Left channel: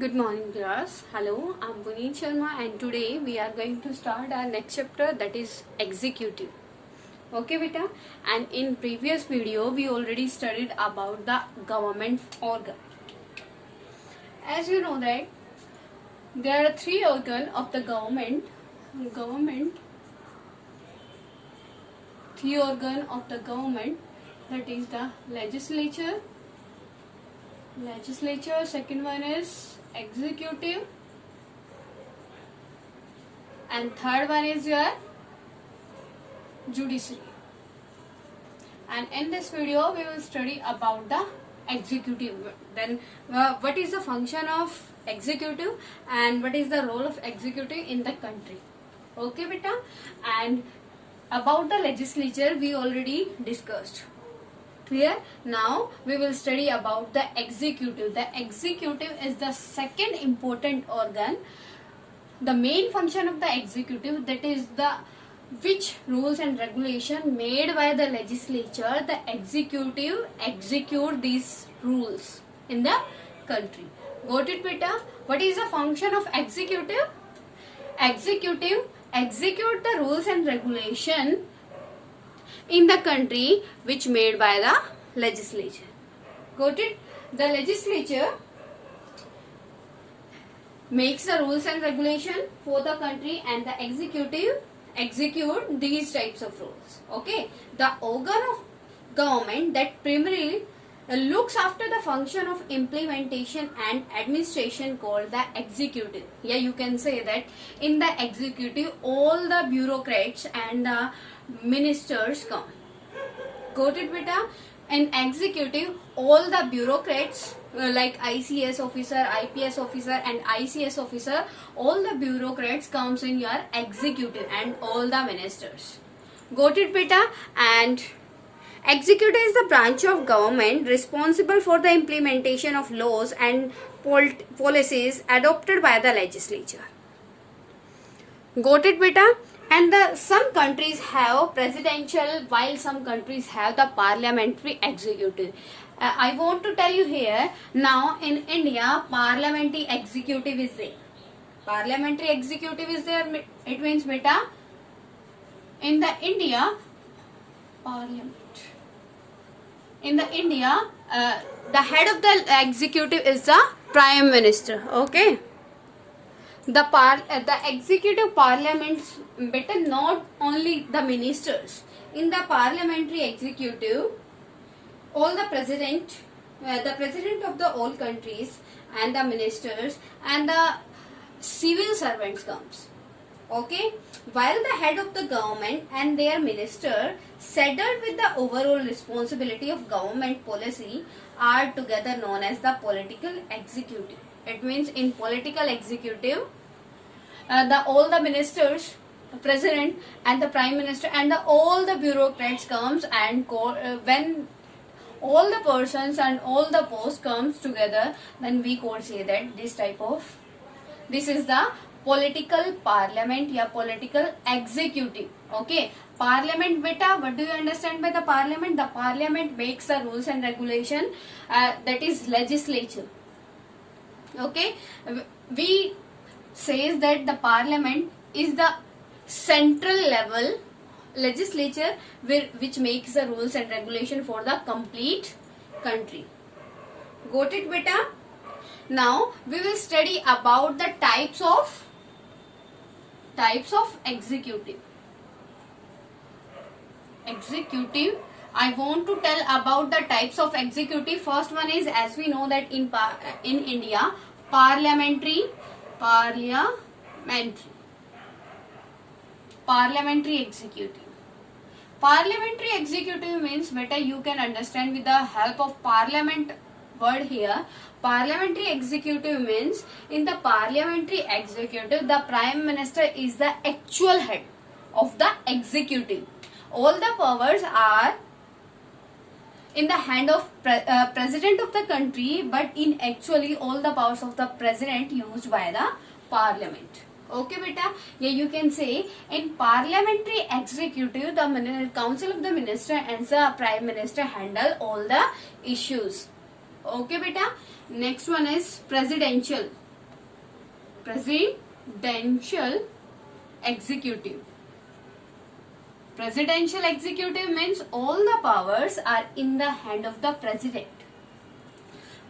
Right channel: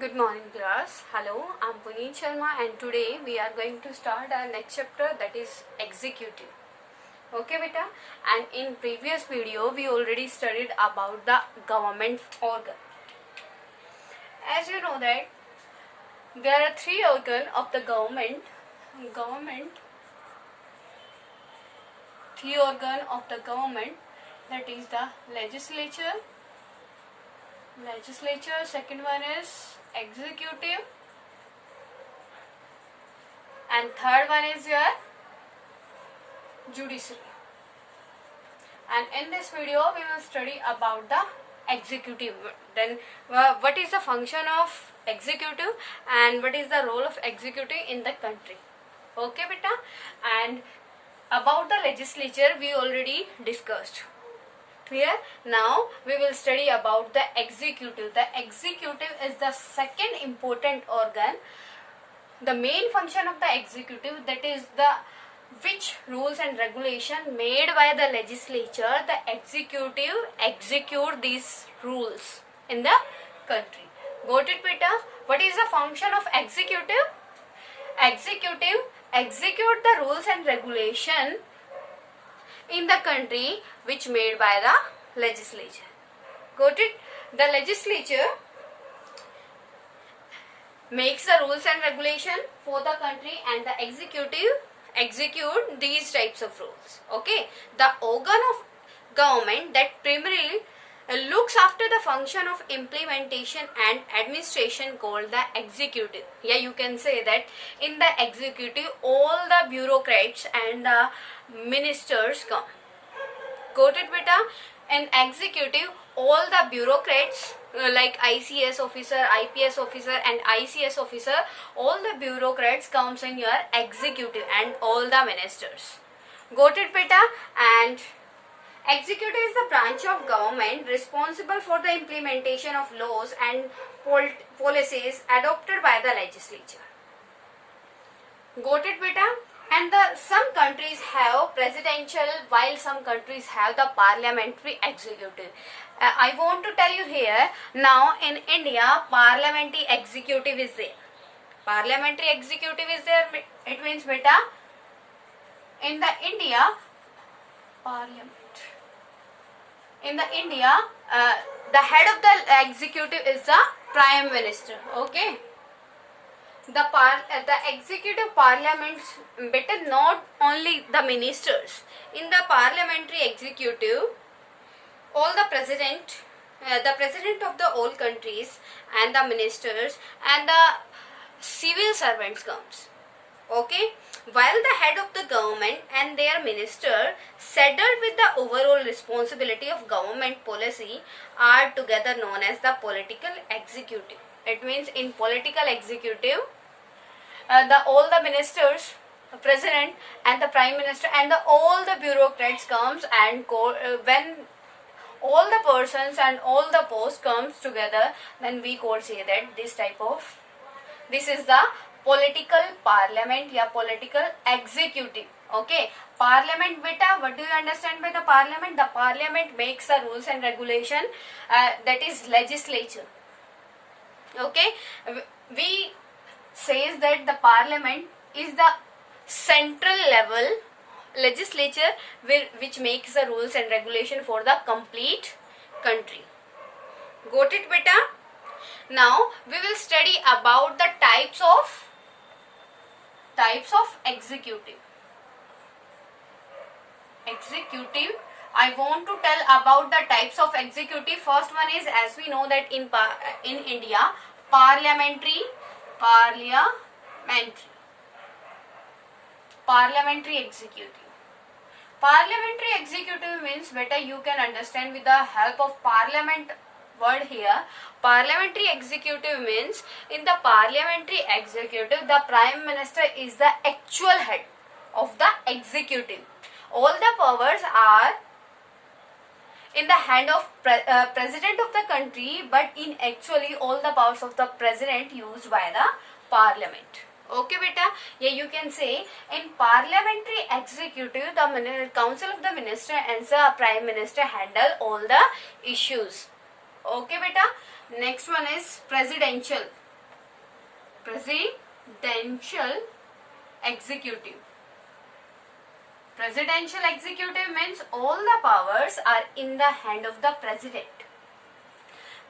Good morning class. Hello, I'm Puneet Sharma and today we are going to start our next chapter, that is executive. Okay beta, and in previous video we already studied about the government organ. As you know that there are three organs of the government, three organs of the government, that is the legislature, second one is executive, and third one is your judiciary. And in this video we will study about the executive. Then what is the function of executive and what is the role of executive in the country. Okay beta, and about the legislature we already discussed. Clear? Now we will study about the executive. The executive is the second important organ. The main function of the executive, that is the which rules and regulation made by the legislature, the executive execute these rules in the country. Got it beta? What is the function of executive? Executive execute the rules and regulation in the country which made by the legislature. Got it? The legislature makes the rules and regulation for the country and the executive execute these types of rules. Okay, the organ of government that primarily looks after the function of implementation and administration called the executive. Yeah, you can say that in the executive all the bureaucrats and the ministers come. Got it beta? In executive all the bureaucrats like ICS officer, IPS officer and ICS officer, all the bureaucrats comes in your executive and all the ministers. Got it beta? And executive is the branch of government responsible for the implementation of laws and policies adopted by the legislature. Got it beta? And some countries have presidential while some countries have the parliamentary executive. I want to tell you here, now in India parliamentary executive is there. Parliamentary executive is there. It means beta, in the India parliament, in the India the head of the executive is the prime minister. Okay, the executive parliament better, not only the ministers. In the parliamentary executive all the president of the all countries and the ministers and the civil servants comes. Okay, while the head of the government and their minister saddled with the overall responsibility of government policy are together known as the political executive. It means in political executive all the ministers, the president and the prime minister and all the bureaucrats comes, and when all the persons and all the posts comes together, then we could say that this is the political parliament, yeah, political executive. Okay, parliament beta, what do you understand by the parliament? The parliament makes the rules and regulation, that is legislature. Okay, we says that the parliament is the central level legislature which makes the rules and regulation for the complete country. Got it beta? Now we will study about the types of executive. I want to tell about the types of executive. First one is, as we know that in India parliamentary executive. Parliamentary executive means, better you can understand with the help of parliament word here. Parliamentary executive means in the parliamentary executive the prime minister is the actual head of the executive. All the powers are in the hand of president of the country, but in actually all the powers of the president used by the parliament. Okay beta, yeah, you can say in parliamentary executive the council of the minister and the prime minister handle all the issues. Okay beta, next one is presidential. Presidential executive. Presidential executive means all the powers are in the hand of the president.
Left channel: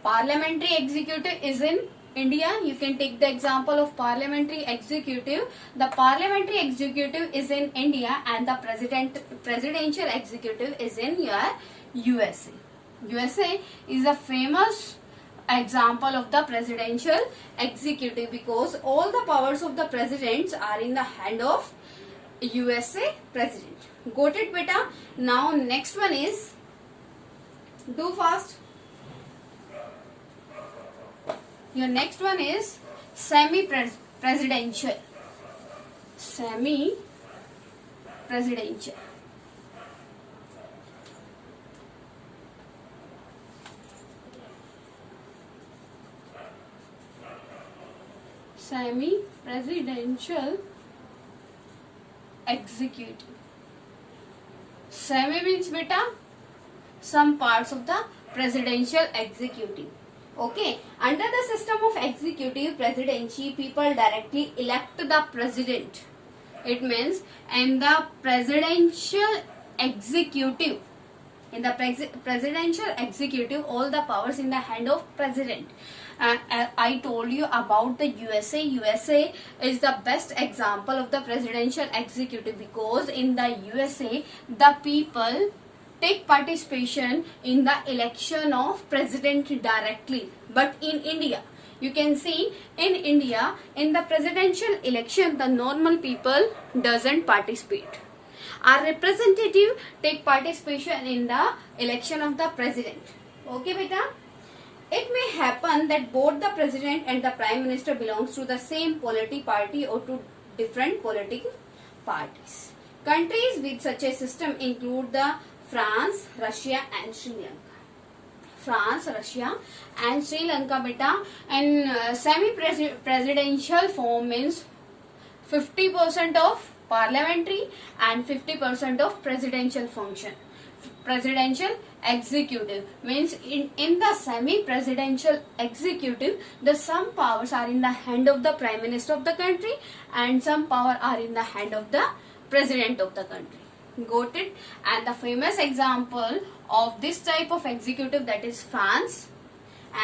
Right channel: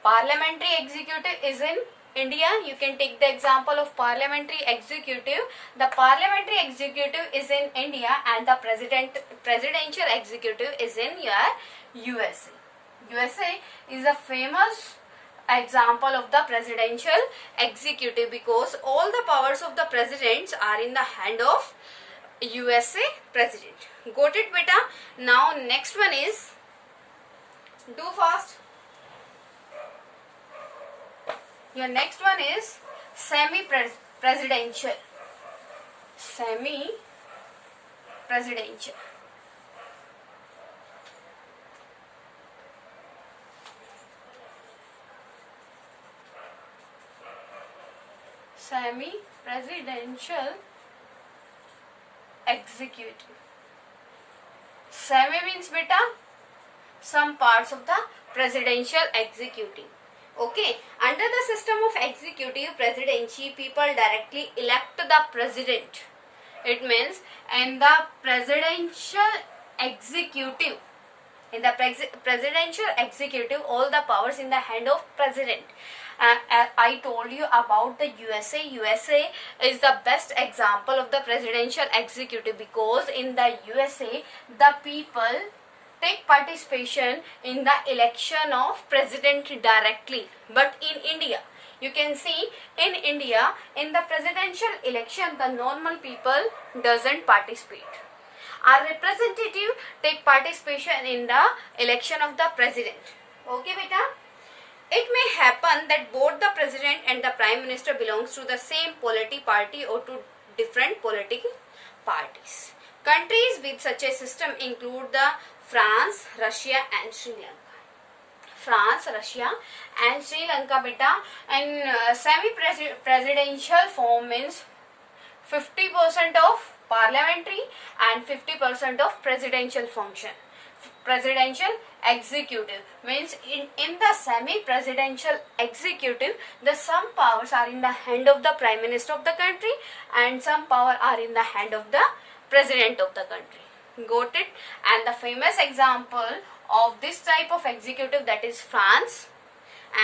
Parliamentary executive is in India. You can take the example of parliamentary executive. The parliamentary executive is in India and the presidential executive is in your USA. USA is a famous example of the presidential executive because all the powers of the presidents are in the hand of USA president. Got it, beta? Now next one is, do fast. Your next one is semi-presidential. Semi-presidential. Semi-presidential executive. Semi means beta some parts of the presidential executive. Okay, under the system of executive presidency, people directly elect the president. It means in the presidential executive, all the powers in the hand of president. I told you about the USA. USA is the best example of the presidential executive because in the USA, the people take participation in the election of president directly. But in India, you can see in India, in the presidential election, the normal people doesn't participate. Our representative take participation in the election of the president. Okay, beta? It may happen that both the president and the prime minister belongs to the same political party or to different political parties. Countries with such a system include the France, Russia and Sri Lanka. France, Russia and Sri Lanka, beta. And semi-presidential form means 50% of parliamentary and 50% of presidential function. Presidential executive means in the semi-presidential executive, the some powers are in the hand of the prime minister of the country and some power are in the hand of the president of the country. Got it? And the famous example of this type of executive, that is France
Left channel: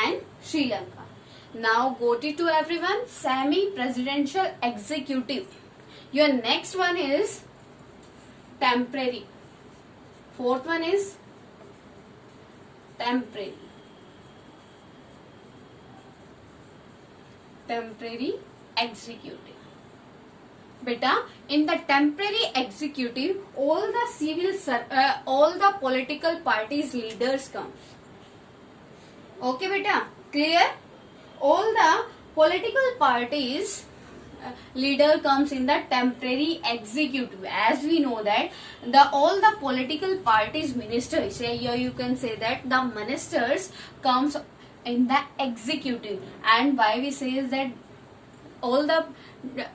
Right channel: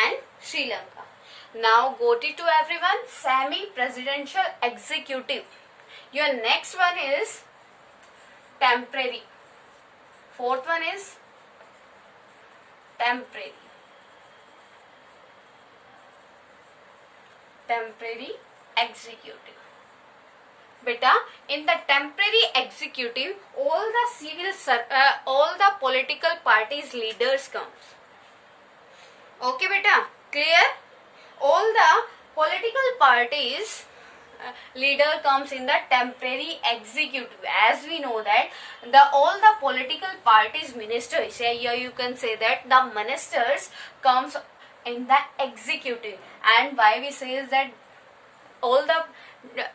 and Sri Lanka. Now got it to everyone? Semi-presidential executive. Your next one is temporary. Fourth one is temporary. Temporary executive. Beta, in the temporary executive, all the political parties leaders comes. Okay, beta, clear? All the political parties leader comes in the temporary executive. As we know that all the political parties ministers, here you can say that the ministers comes in the executive. And why we say is that all the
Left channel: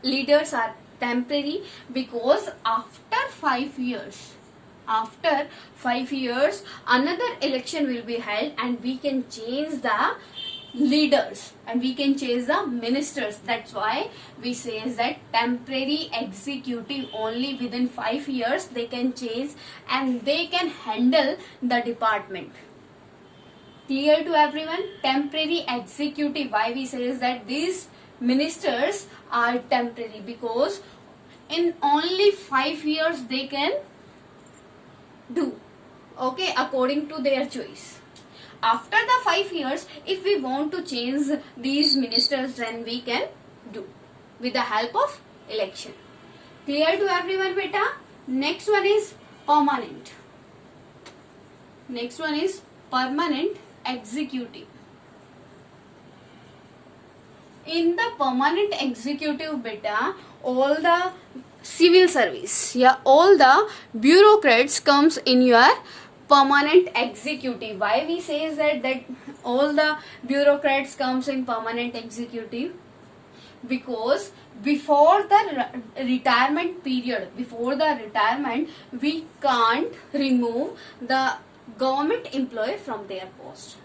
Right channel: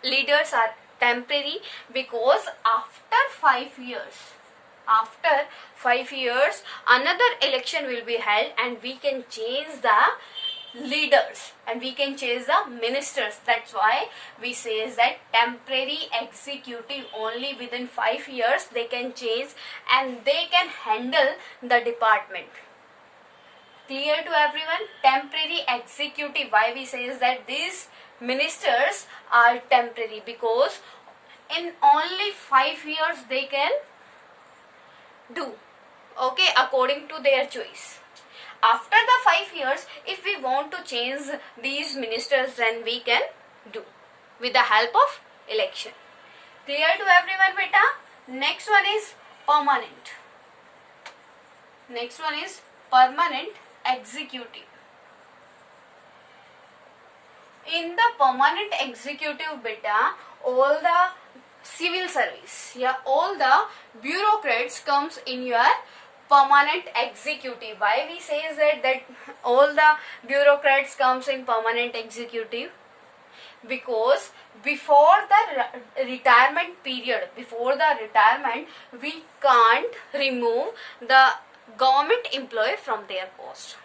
leaders are temporary, because after 5 years another election will be held and we can change the leaders and we can change the ministers. That's why we say is that temporary executive, only within 5 years they can change and they can handle the department. Clear to everyone? Temporary executive, why we say is that these ministers are temporary, because in only 5 years they can do, okay, according to their choice. After the 5 years, if we want to change these ministers, then we can do with the help of election. Clear to everyone, beta? Next one is permanent. Next one is permanent executive. In the permanent executive, beta, all the civil service, all the bureaucrats comes in your permanent executive. Why we say is that all the bureaucrats comes in permanent executive? Because before the retirement period, we can't remove the government employee from their post.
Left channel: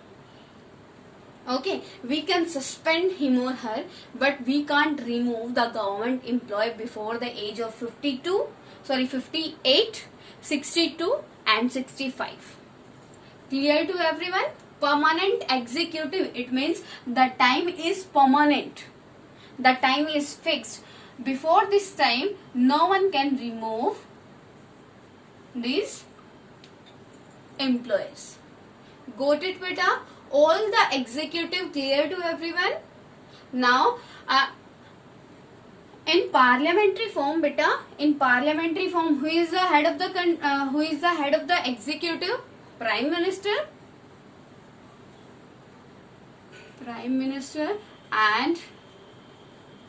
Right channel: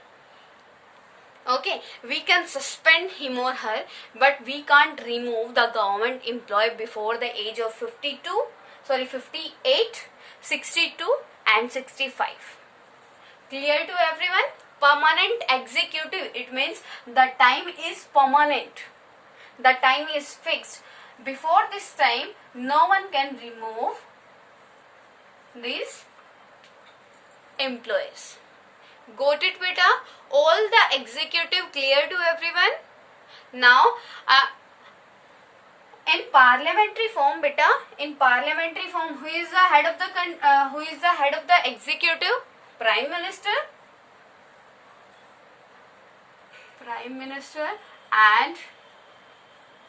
Okay, we can suspend him or her, but we can't remove the government employee before the age of 58, 62 and 65. Clear to everyone? Permanent executive, it means the time is permanent. The time is fixed. Before this time, no one can remove these employees. Got it, beta? All the executive clear to everyone? Now, in parliamentary form, beta, in parliamentary form, who is the head of the executive? Prime Minister. Prime Minister. And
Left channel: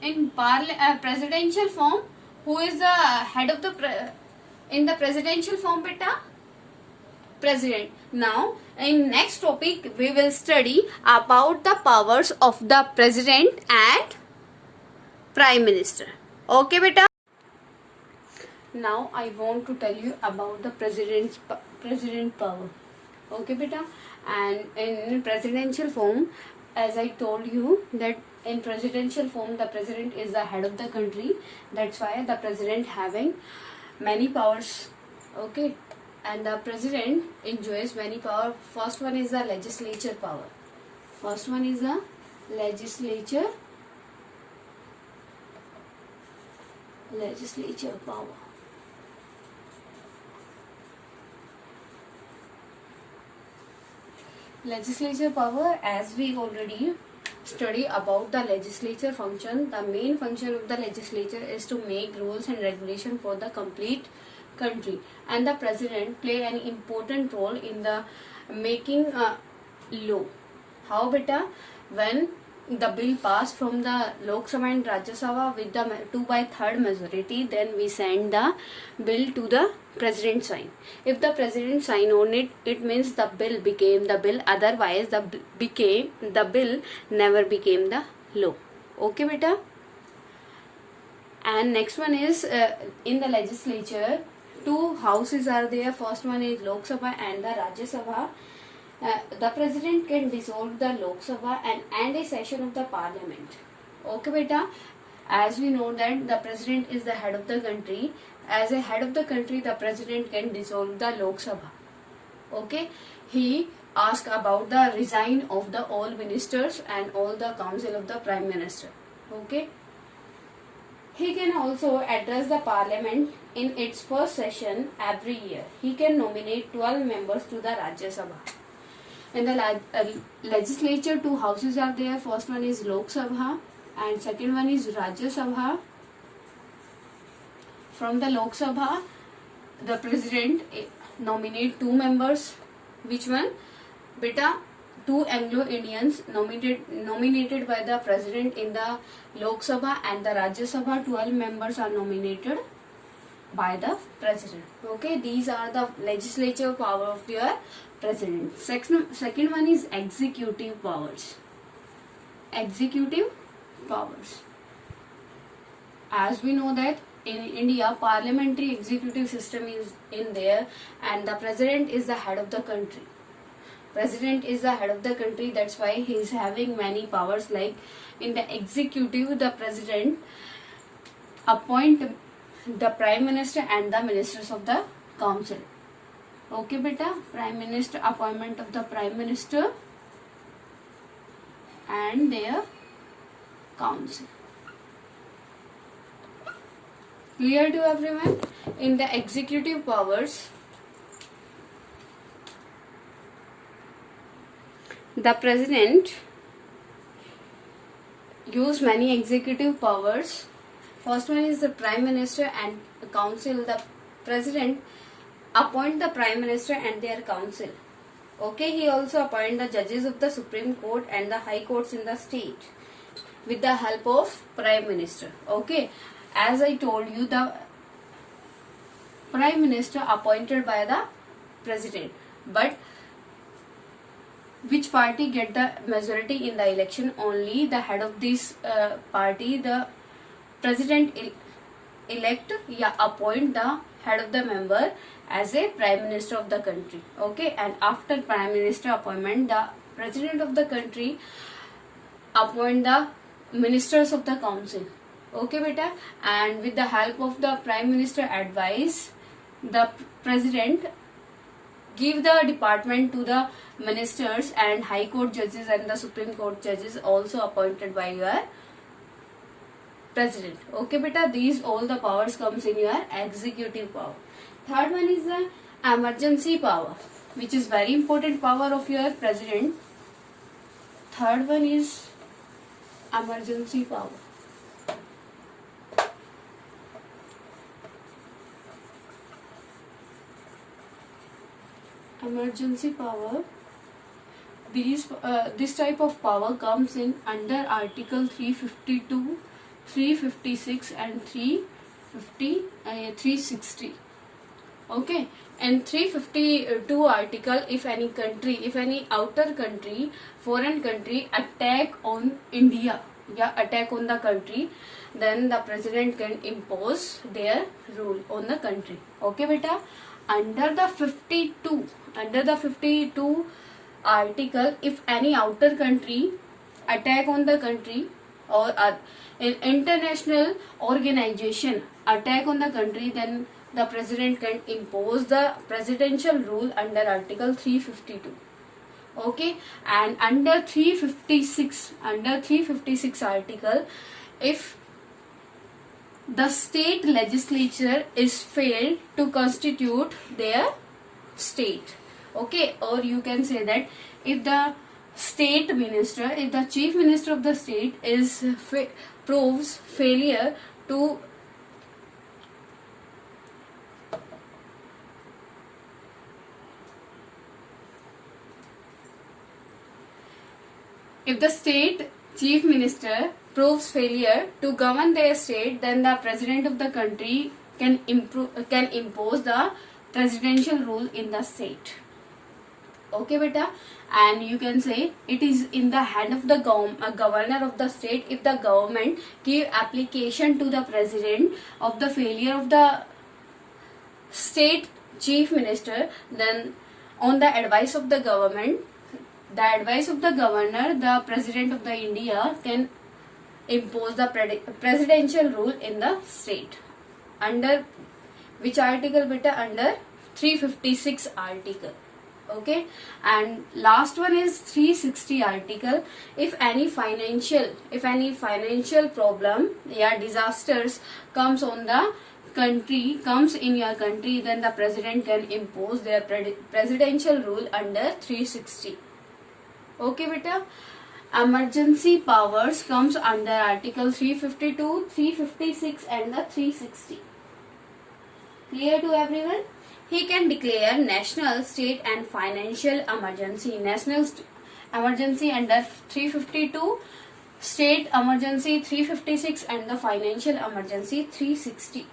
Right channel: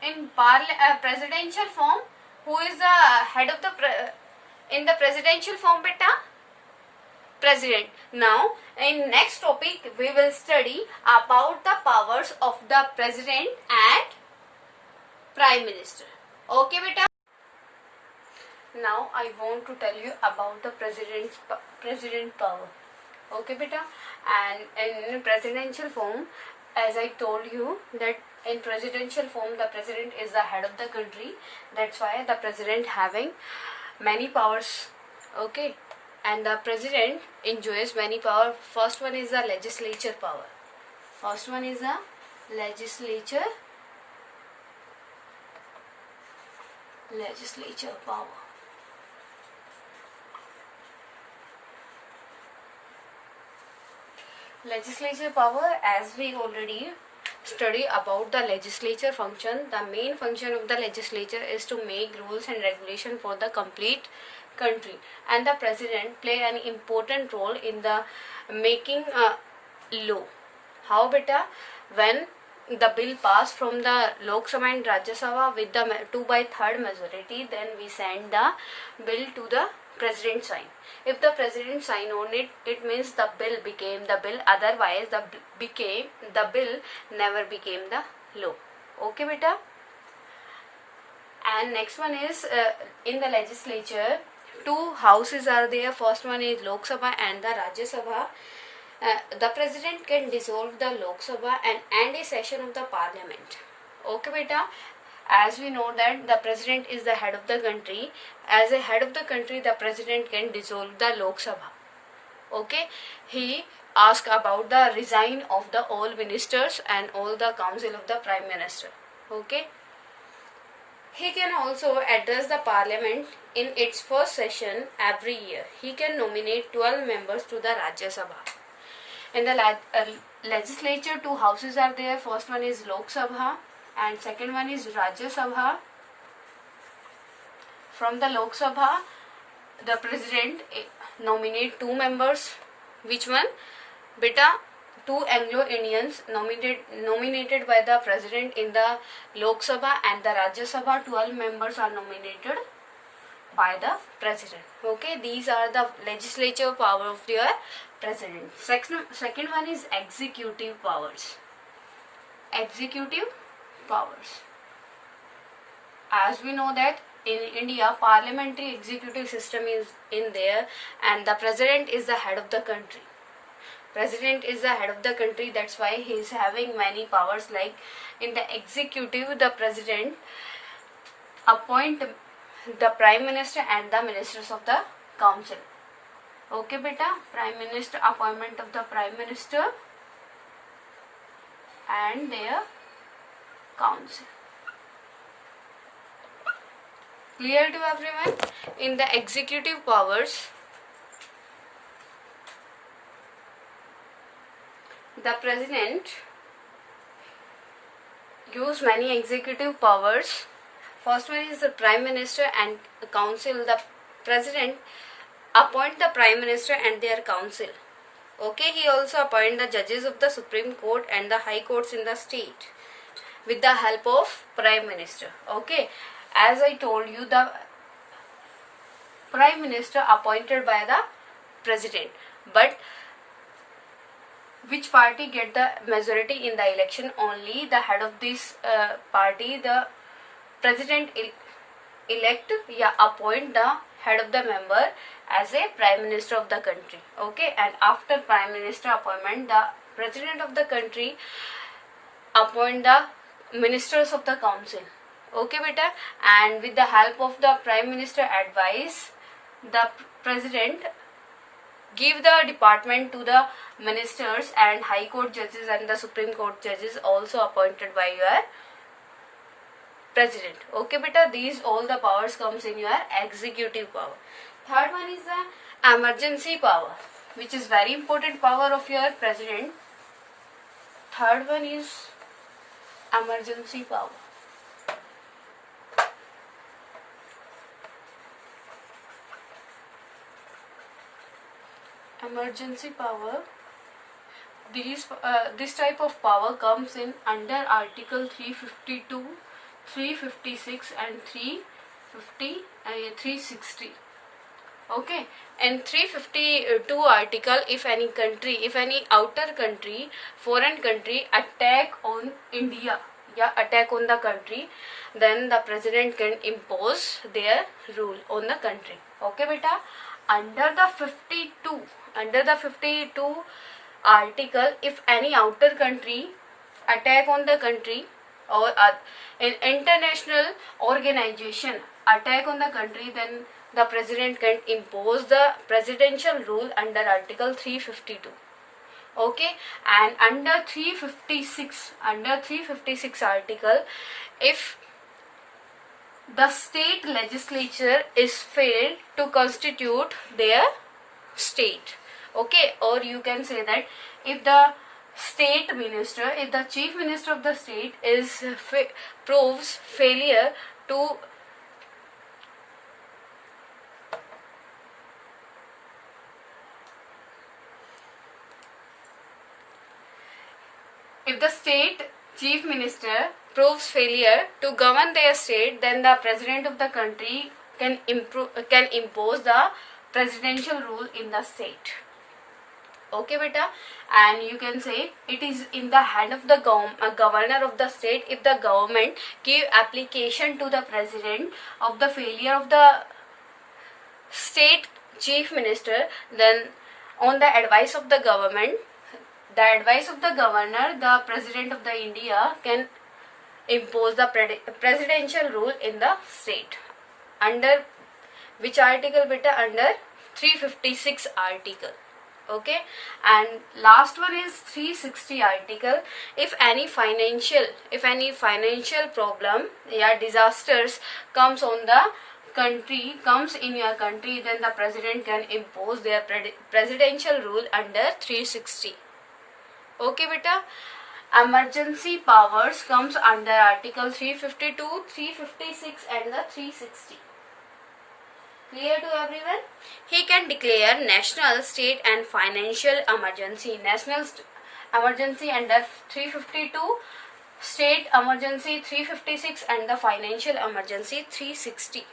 in presidential form, who is the head of the in the presidential form, beta? President. Now, in next topic, we will study about the powers of the president and prime minister. Okay, beta? Now, I want to tell you about the president power. Okay, beta? And in presidential form, as I told you that in presidential form, the president is the head of the country. That's why the president having many powers. Okay, and the president enjoys many power. First one is the legislature power. First one is the legislature power. Legislature power, as we already study about the legislature function, the main function of the legislature is to make rules and regulation for the complete country, and the president play an important role in the making law. How, beta? When the bill passed from the Lok Sabha and Rajya Sabha with the 2/3 majority, then we send the bill to the president sign. If the president sign on it, it means the bill became the bill. Otherwise, the bill never became the law. Okay, beta? And next one is in the legislature, two houses are there. First one is Lok Sabha and the Rajya Sabha. The president can dissolve the Lok Sabha and end a session of the parliament. Okay, beta? As we know that the president is the head of the country. As a head of the country, the president can dissolve the Lok Sabha. Okay, he asked about the resign of the all ministers and all the council of the prime minister. Okay, he can also address the parliament in its first session every year. He can nominate 12 members to the Rajya Sabha. In the legislature, two houses are there. First one is Lok Sabha and second one is Rajya Sabha. From the Lok Sabha, the president nominate two members. Which one? Beta, two Anglo-Indians nominated by the president in the Lok Sabha, and the Rajya Sabha 12 members are nominated by the president. Okay, these are the legislature power of your president. Second one is executive powers. Executive powers. As we know that in India, parliamentary executive system is in there, and the president is the head of the country. President is the head of the country, that's why he is having many powers. Like in the executive, the president appoint the prime minister and the ministers of the council. Okay, beta? Prime minister, appointment of the prime minister and their council. Clear to everyone? In the executive powers, the president use many executive powers. First one is the prime minister and the council. The president appoint the prime minister and their council. Okay, he also appoint the judges of the Supreme Court and the high courts in the state with the help of prime minister. Okay, as I told you, the prime minister appointed by the president, but which party get the majority in the election? Only the head of this party, the president elect appoint the head of the member as a prime minister of the country. Okay, and after prime minister appointment, the president of the country appoint the ministers of the council. Okay beta, and with the help of the prime minister advice, the president give the department to the ministers, and high court judges and the supreme court judges also appointed by your president. Okay beta, these all the powers comes in your executive power. Third one is the emergency power, which is very important power of your president. Third one is emergency power. Emergency power. This type of power comes in under Article 352, 356 and 360. Okay, in 352 article, if any country, if any outer country, foreign country attack on India, attack on the country, then the president can impose their rule on the country. Okay beta, under the 52 article, if any outer country attack on the country, or an international organization attack on the country, then the president can impose the presidential rule under Article 352. Okay, and under 356 article, if the state legislature is failed to constitute their state, okay, or you can say that if the state minister, if the chief minister of the state is proves failure to if the state chief minister proves failure to govern their state, then the president of the country can impose the presidential rule in the state. Okay beta, and you can say it is in the hand of the governor of the state. If the government give application to the president of the failure of the state chief minister, then on the advice of the government, the advice of the governor, the president of the India can impose the presidential rule in the state. Under which article beta? Under 356 article. Okay, and last one is 360 article. If any financial problem, disasters comes on the country, comes in your country, then the president can impose their presidential rule under 360. Okay beta, emergency powers comes under Article 352, 356 and the 360. Clear to everyone? He can declare national, state and financial emergency. National emergency under 352, state emergency 356 and the financial emergency 360.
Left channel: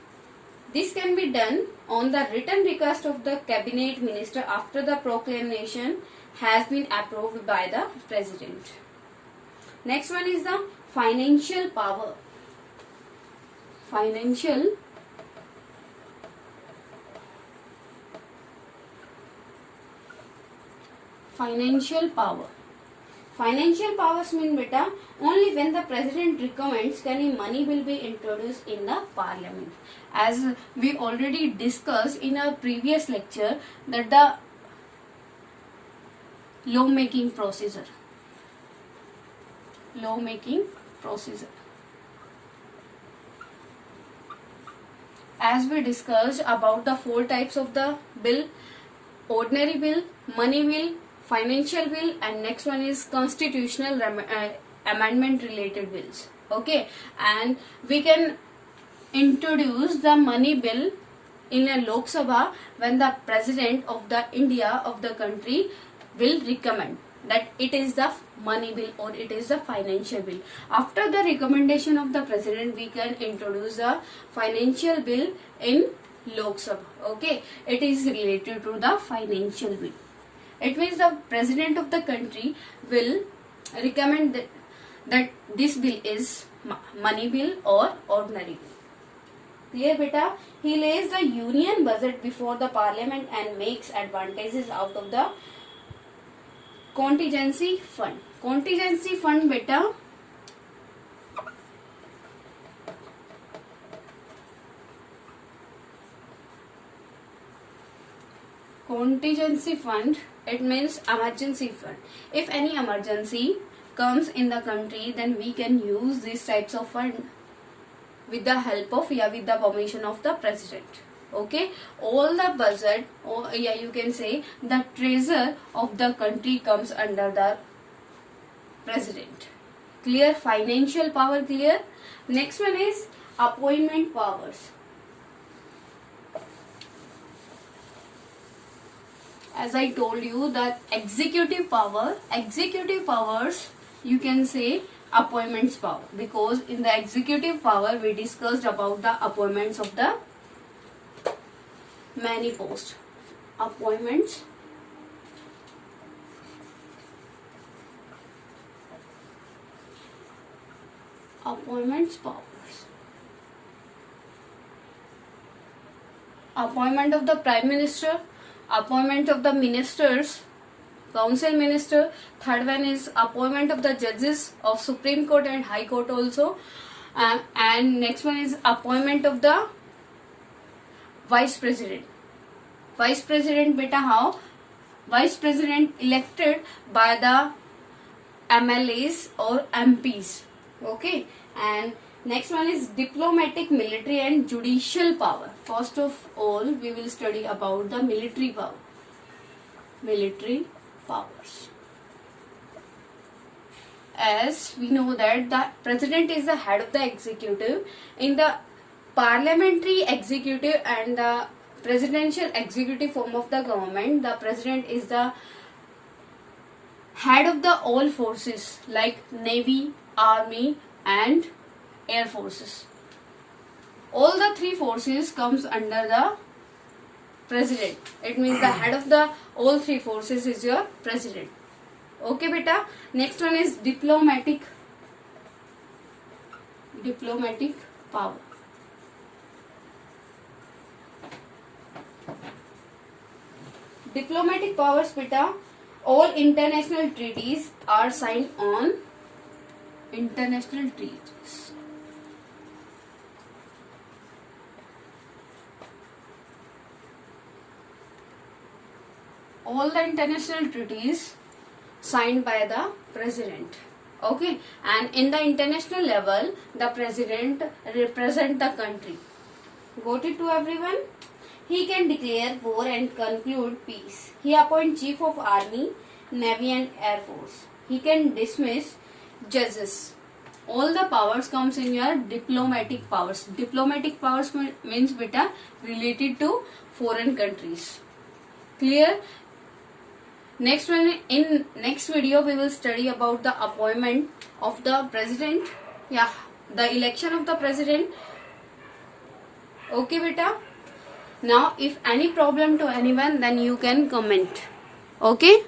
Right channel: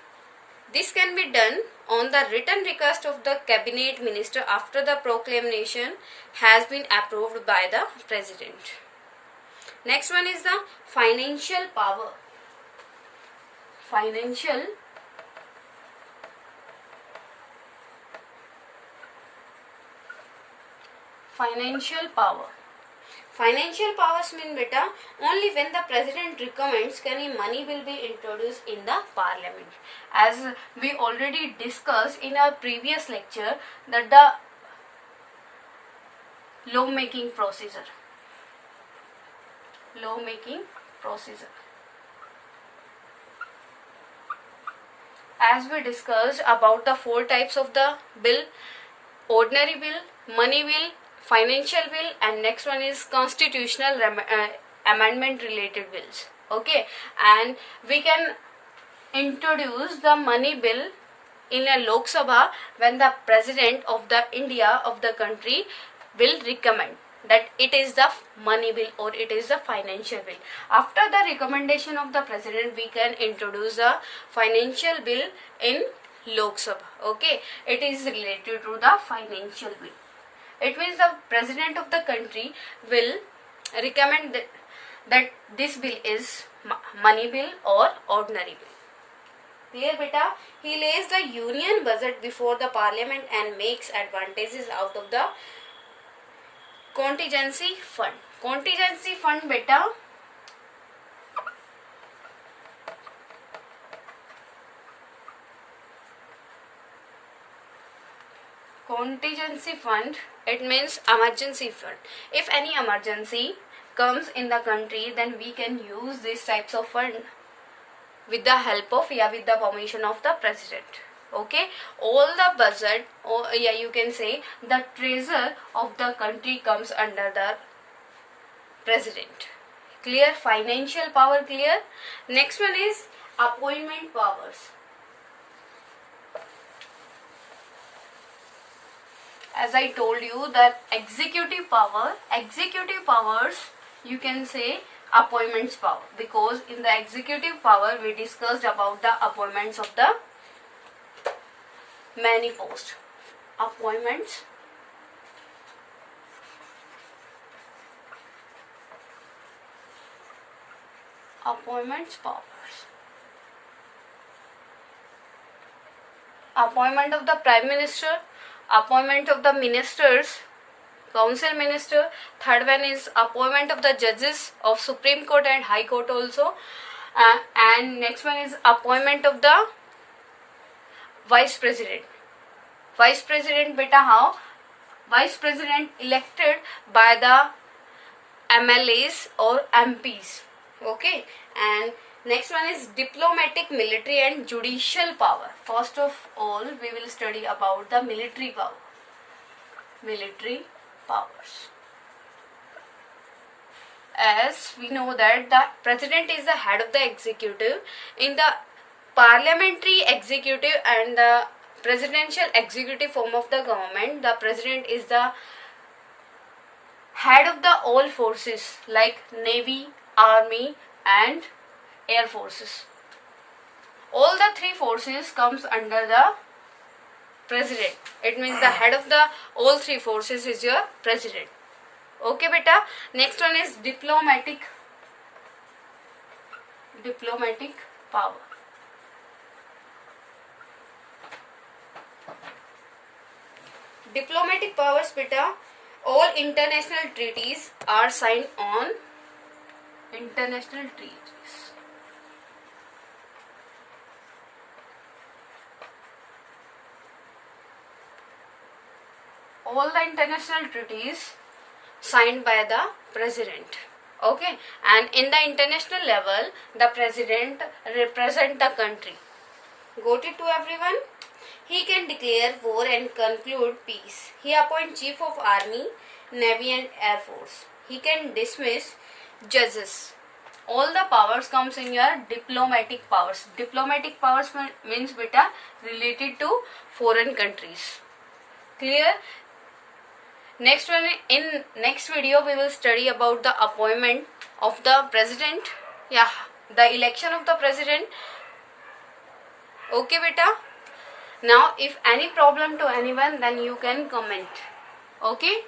This can be done on the written request of the cabinet minister after the proclamation has been approved by the president. Next one is the financial power. Financial power. Financial powers mean beta, only when the president recommends can a money will be introduced in the parliament. As we already discussed in our previous lecture, that the lawmaking procedure. As we discussed about the 4 types of the bill: ordinary bill, money bill, financial bill, and next one is constitutional amendment related bills. Okay, and we can introduce the money bill in a Lok Sabha when the president of the India of the country will recommend that it is the money bill or it is the financial bill. After the recommendation of the president, we can introduce the financial bill in Lok Sabha. Okay, it is related to the financial bill. It means the president of the country will recommend that this bill is money bill or ordinary bill. Clear beta? He lays the union budget before the parliament and makes advantages out of the contingency fund. Contingency fund बेटा contingency fund, it means emergency fund. If any emergency comes in the country, then we can use these types of fund with the help of with the permission of the president. Okay, all the budget, or you can say the treasure of the country comes under the president. Clear? Financial power clear. Next one is appointment powers. As I told you that executive powers, you can say appointments power, because in the executive power we discussed about the appointments of the many posts. Appointments powers. Appointment of the prime minister, appointment of the ministers, council minister. Third one is appointment of the judges of Supreme Court and High Court also. And next one is appointment of the vice president. Vice president beta how? Vice president elected by the MLAs or MPs. Okay, and next one is diplomatic, military and judicial power. First of all, we will study about the military power. Military powers. As we know that the president is the head of the executive. In the parliamentary executive and the presidential executive form of the government, the president is the head of the all forces like Navy, Army and Air Forces. All the three forces comes under the president. It means the head of the all three forces is your president. Okay beta. Next one is diplomatic power. Diplomatic powers beta, all international treaties are signed on international treaties. All the international treaties signed by the president. Okay, and in the international level, the president represent the country. Got it to everyone? He can declare war and conclude peace. He appoints chief of army, navy and air force. He can dismiss judges. All the powers comes in your diplomatic powers. Diplomatic powers means beta related to foreign countries. Clear? Next one, in next video we will study about the appointment of the president. Yeah, the election of the president. Okay beta. Now if any problem to anyone, then you can comment. Okay.